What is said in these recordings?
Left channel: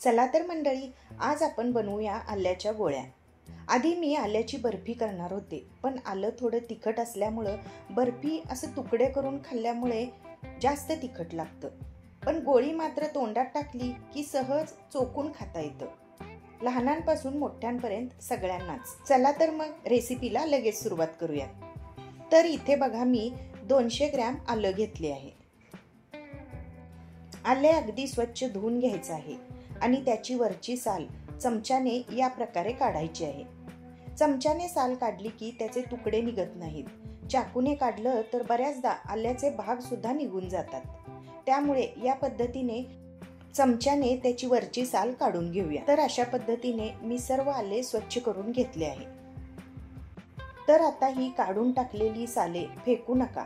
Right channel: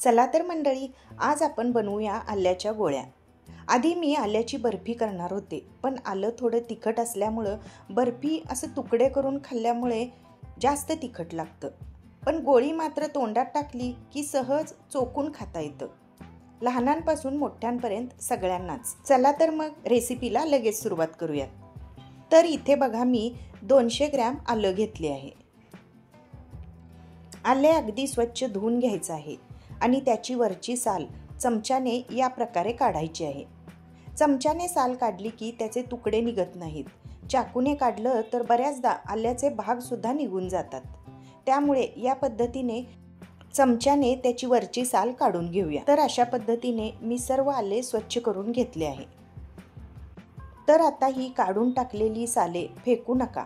चला तर मंडळी, आज आपण बनवूया आल्याच्या गोळ्या। आधी मी आल्याची बर्फी करणार होते, पण आलं थोडं तिखट असल्यामुळे बर्फी असं तुकडे करून खाल्ल्यामुळे जास्त तिखट लागतं। पण गोळी मात्र तोंडात टाकली की सहज चोखून खाता येतं, लहानांपासून मोठ्यांपर्यंत सगळ्यांनाच। चला तर मग रेसिपीला लगेच सुरुवात करूया। तर इथे बघा, मी 200 ग्रॅम आलं घेतले आहे। आले अगदी स्वच्छ धुवून घ्यायचं आहे आणि त्याची वरची साल चमच्याने या प्रकारे काढायची आहे। चमच्याने साल काढली की त्याचे तुकडे निघत नाहीत। चाकूने काढलं तर बऱ्याचदा आल्याचे भाग सुद्धा निघून जातात। त्यामुळे या पद्धतीने चमच्याने त्याची वरची साल काढून घेऊया। तर अशा पद्धतीने मी सर्व आले स्वच्छ करून घेतले आहे। तर आता ही काढून टाकलेली साले फेकू नका,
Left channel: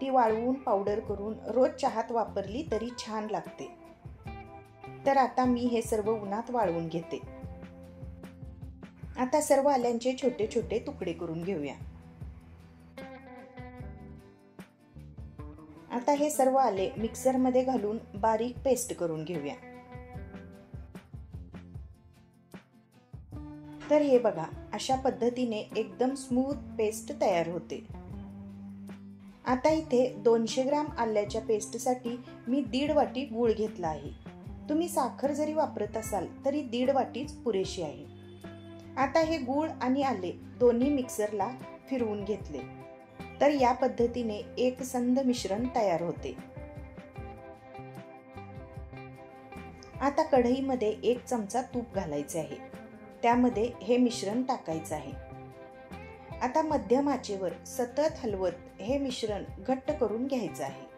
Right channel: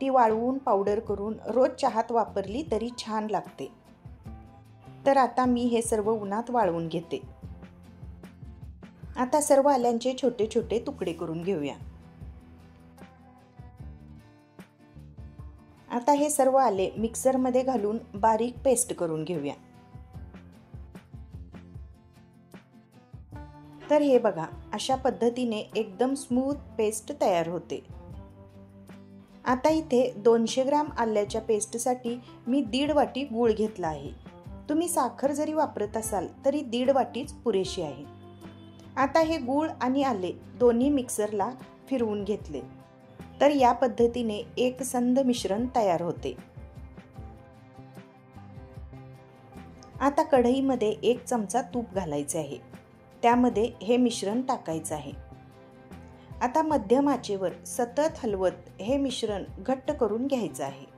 ती वाळवून पावडर करून रोज चहात वापरली तरी छान लागते। तर आता मी हे सर्व उन्हात वाळवून घेते। आता सर्व आल्यांचे छोटे छोटे तुकडे करून घेऊया। आता हे सर्व आले मिक्सर मध्ये घालून बारीक पेस्ट करून घेऊया। तर हे बघा, अशा पद्धतीने एकदम स्मूथ पेस्ट तयार होते। आता इथे 200 ग्रॅम आल्याच्या पेस्टसाठी मी 1.5 वाटी गूळ घेतला आहे। तुम्ही साखर जरी वापरत असाल तरी 1.5 वाटीच पुरेशी आहे। आता हे गूळ आणि आले दोन्ही मिक्सरला फिरवून घेतले। तर या पद्धतीने एक संध मिश्रण तयार होते। आता कढईमध्ये 1 चमचा तूप घालायचे आहे, त्यामध्ये हे मिश्रण टाकायचे आहे। आता मध्यम आचेवर सतत हलवत हे मिश्रण घट्ट करून घ्यायचे आहे।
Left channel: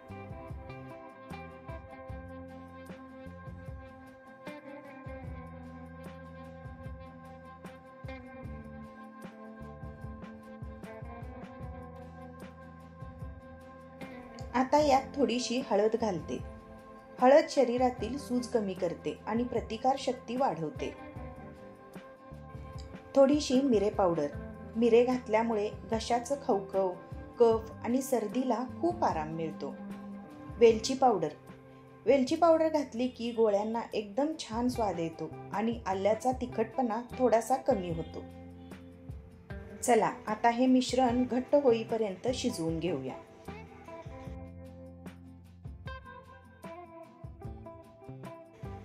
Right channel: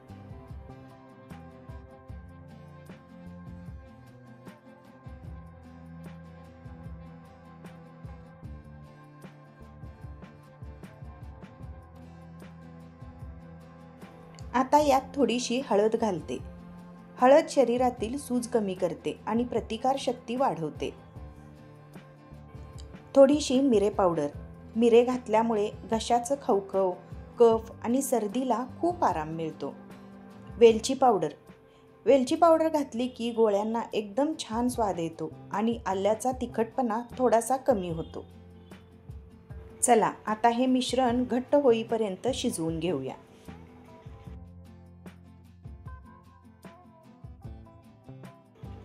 आता यात थोडीशी हळद घालते। हळद शरीरातील सूज कमी करते आणि प्रतिकार शक्ती वाढवते। थोडीशी मिरे पावडर, मिरे घातल्यामुळे घशाचं खवखव, कफ आणि सर्दीला खूप आराम मिळतो। वेलची पावडर, वेलची पावडर घातली की गोळ्यांना एकदम छान स्वाद येतो आणि आल्याचा तिखटपणा थोडासा कमी होतो। चला आता हे मिश्रण घट्ट होईपर्यंत शिजवून घेऊया।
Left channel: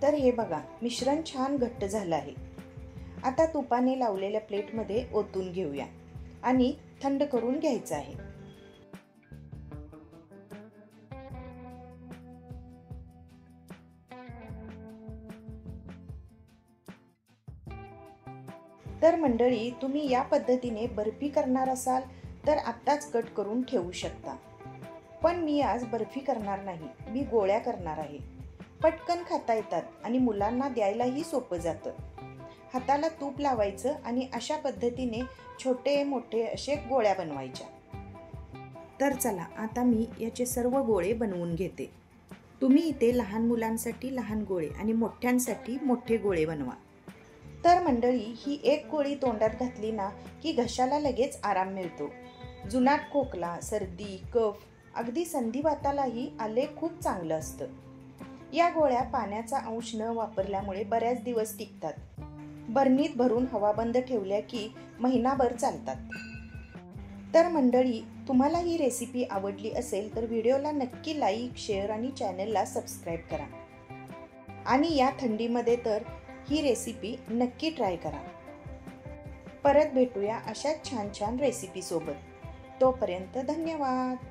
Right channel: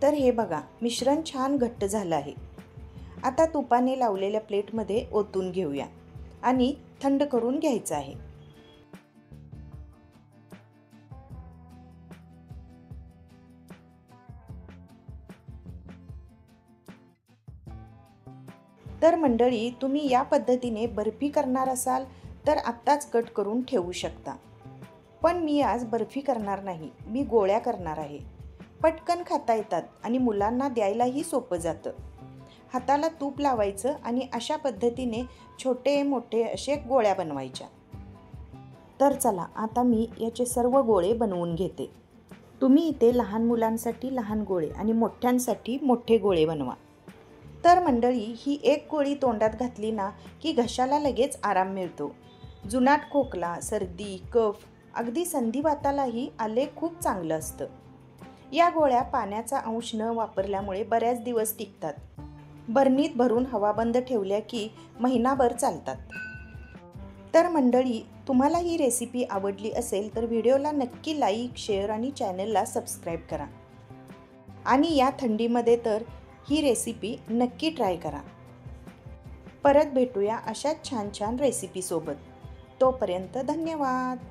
तर हे बघा, मिश्रण छान घट्ट झालं आहे। आता तुपाने लावलेल्या प्लेटमध्ये ओतून घेऊया आणि थंड करून घ्यायचं आहे। तर मंडळी, तुम्ही या पद्धतीने बर्फी करणार असाल तर आत्ताच कट करून ठेवू शकता। पण मी आज बर्फी करणार नाही, मी गोळ्या करणार आहे। पटकन खाता येतात आणि मुलांना द्यायलाही सोपं जातं। हाताला तूप लावायचं आणि अशा पद्धतीने छोटे मोठे असे गोळ्या बनवायच्या। तर चला आता मी याचे सर्व गोळे बनवून घेते। तुम्ही इथे लहान मुलांसाठी लहान गोळे आणि मोठ्यांसाठी मोठे गोळे बनवा। तर मंडळी, ही एक गोळी तोंडात घातली ना की घशाला लगेच आराम मिळतो। जुनाट खोकला, सर्दी, कफ, अगदी संधिवातालाही आले खूप चांगलं असतं। या गोळ्या पाण्याचा अंश न वापरल्यामुळे बऱ्याच दिवस टिकतात। बरणीत भरून हवा बंद ठेवल्या की महिनाभर चालतात। तर मंडळी, तुम्हाला ही रेसिपी आवडली असेल तर व्हिडिओला नक्की लाईक, शेअर आणि चॅनलला सबस्क्राईब करा। आणि या थंडीमध्ये तर ही रेसिपी नक्की ट्राय करा। परत भेटूया अशाच छान छान रेसिपी सोबत। तोपर्यंत धन्यवाद।